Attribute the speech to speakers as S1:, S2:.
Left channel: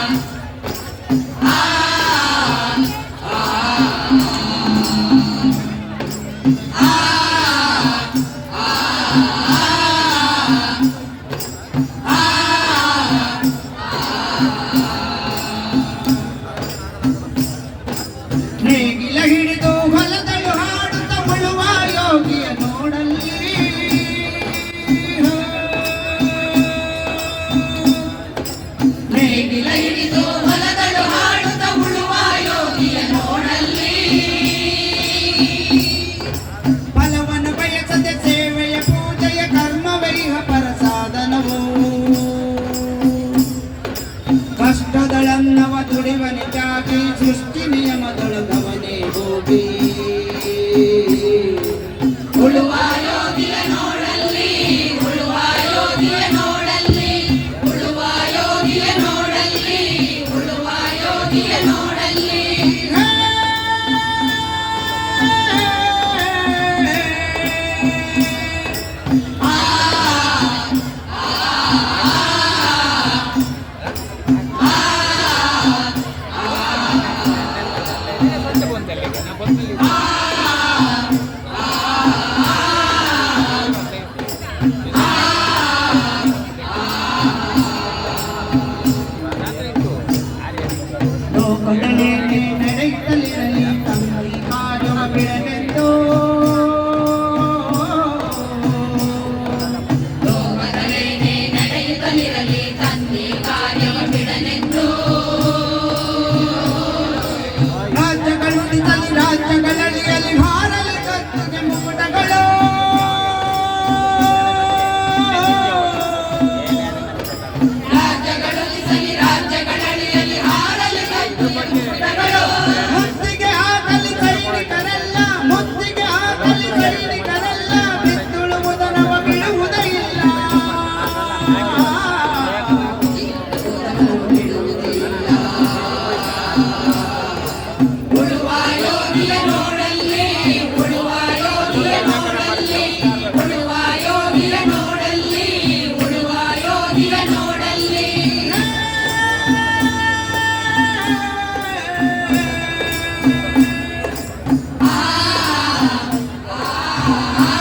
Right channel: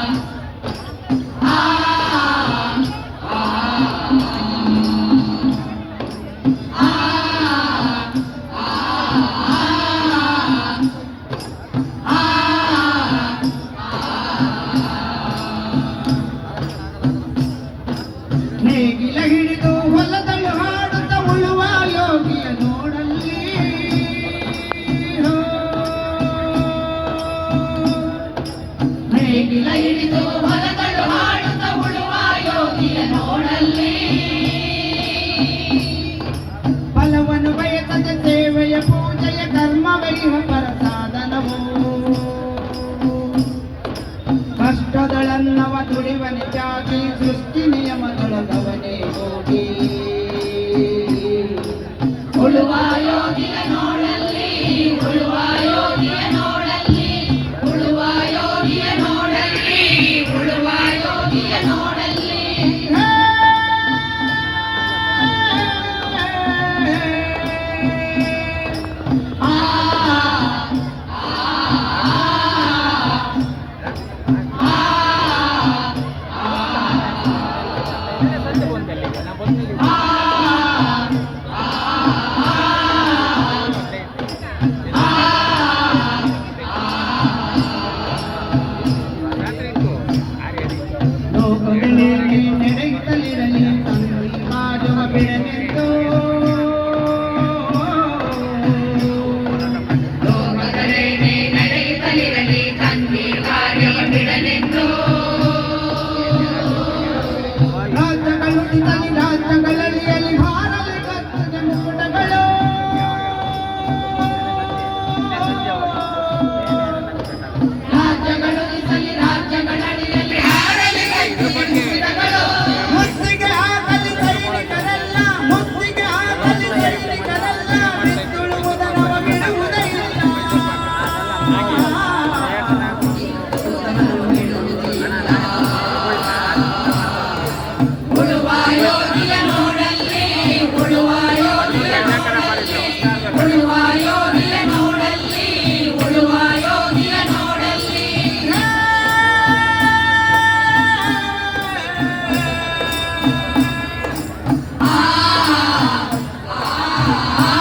S1: Um, I ಕಷ್ಟಗಳನ್ನವ ತುಳಿವನಿಗಾಗಿ ಸೃಷ್ಟಿ ನಿಯಮ ತೊಳೆದವನೇ ಹೋಗಿ
S2: ನೋಡಲ್ಲಿ.
S1: Yeah. ಮಾಡ್ತಾ
S2: Bye.